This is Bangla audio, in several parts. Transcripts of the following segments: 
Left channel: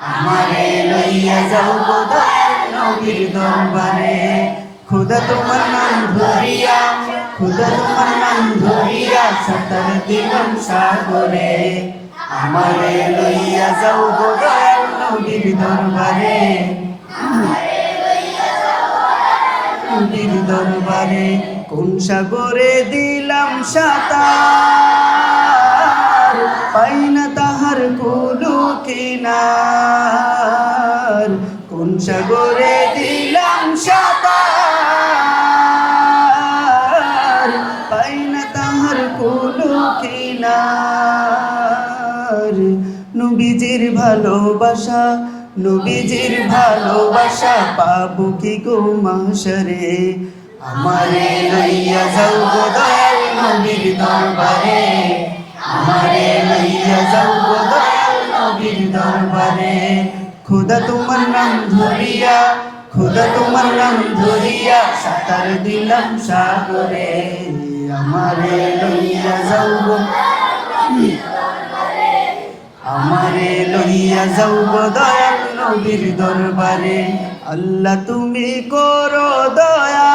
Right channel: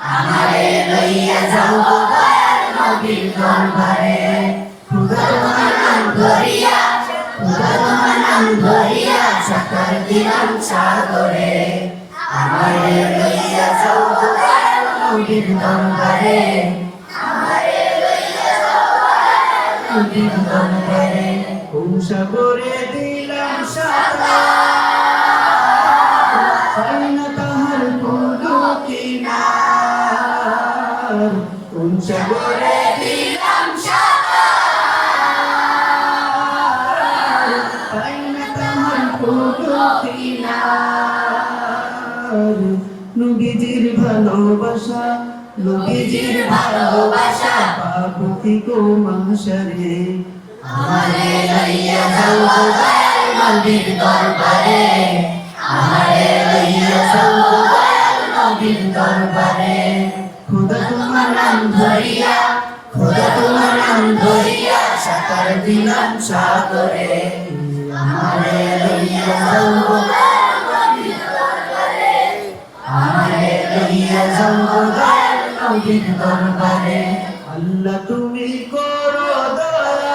আমারে লইয়া যাও দয়াল নবীর দরবারে। খোদা তোমার নাম ধরিয়া, খোদা তোমার নাম ধরিয়া সাঁতার দিলাম সাগরে। আমারে লইয়া যাও দয়াল নবীর দরবারে, আমারে লইয়া যাও দয়াল নবীর দরবারে। কোন সাগরে দিলাম সাঁতার, পাই না তাহার কুলো কিনার। কোন সাগরে দিলাম সাঁতার, পাই না তাহার কুলো কিনার। নবীজির ভালোবাসা, নবীজির ভালোবাসা পাবো কি গো মাশারে। আমারে লইয়া যাও দয়াল নবীর দরবারে, আমারে লইয়া যাও দয়াল নবীর দরবারে। খোদা তোমার নাম ধরিয়া, খোদা তোমার নাম ধরিয়া সাঁতার দিলাম সাগরে। আমারে লইয়া যাও দয়াল নবীর দরবারে, আমারে লইয়া যাও দয়াল নবীর দরবারে। আল্লাহ তুমি করো দয়া,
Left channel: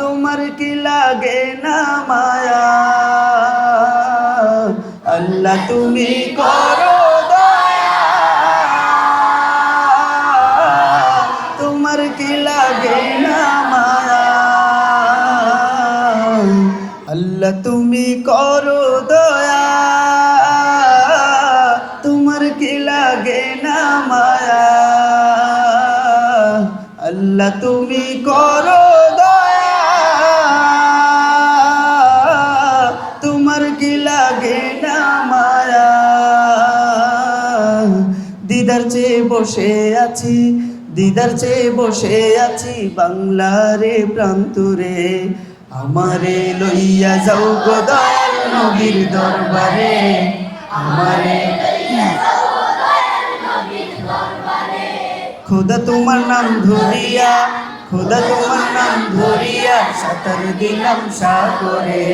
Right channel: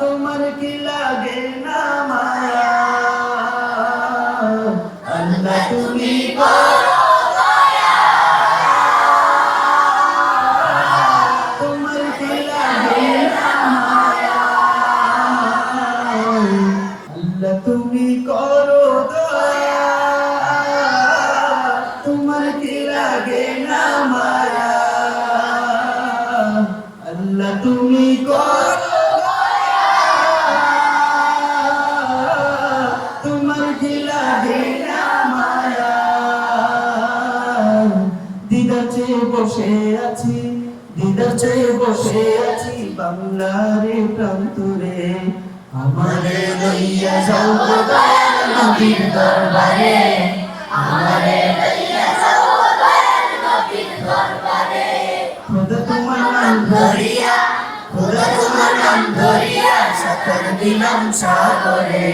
তোমার কি লাগে না মায়া। আল্লাহ তুমি করো দয়া, তোমার কি লাগে না মায়া। আল্লাহ তুমি করো দয়া, তোমার কি লাগে না মায়া। আল্লাহ তুমি করো দয়া, তোমার কি লাগে না মায়া। দিদার চেয়ে বসে আছি, দিদার চেয়ে বসে আছি বাংলারে প্রান্তরে। আমারে লইয়া যাও গো দয়াল নবীর দরবারে, আমারে লইয়া যাও দয়াল নবীর দরবারে। খোদা তোমার নাম ধরিয়া, খোদা তোমার নাম ধরিয়া সাঁতার দিলাম সাগরে।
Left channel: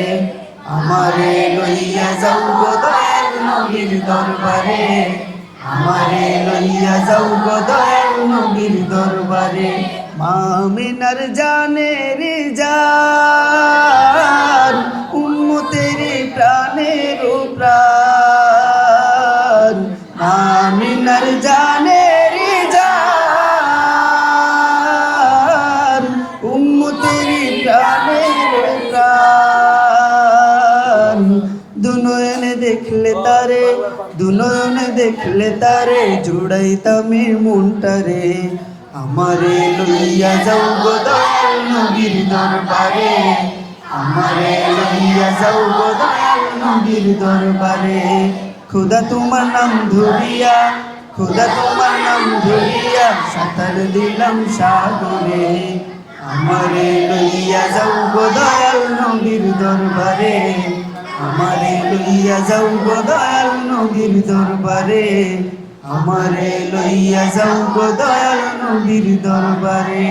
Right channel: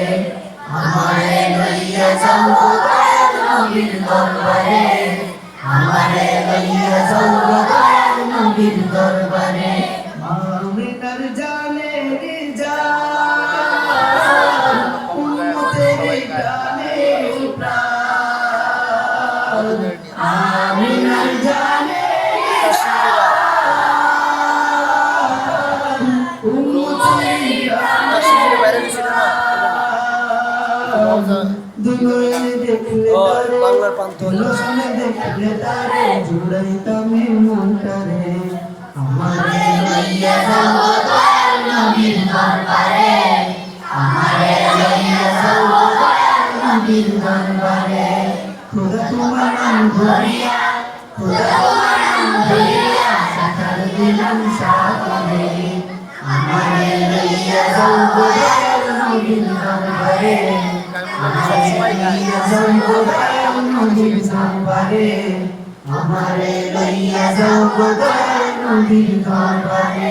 আমারে লইয়া যাও গো দয়াল নবীর দরবারে, আমারে লইয়া যাও গো দয়াল নবীর দরবারে। মা আমিনার জানের জান, উম্মতের প্রাণের প্রাণ। মা আমিনার জানের জান, উম্মতের প্রাণের প্রাণ। দুনয়নে দেখলে তারে, দুনয়নে দেখলে তারে জুড়াইতামে মনটারে। আমারে লইয়া যাও গো দয়াল নবীর দরবারে, আমারে লইয়া যাও গো দয়াল নবীর দরবারে। খোদা তোমার নাম ধরিয়া, খোদা তোমার নাম ধরিয়া সাঁতার দিলাম সাগরে। আমারে লইয়া যাও গো দয়াল নবীর দরবারে, আমারে লইয়া যাও গো দয়াল নবীর দরবারে। আমারে লইয়া যাও গো দয়াল নবীর দরবারে।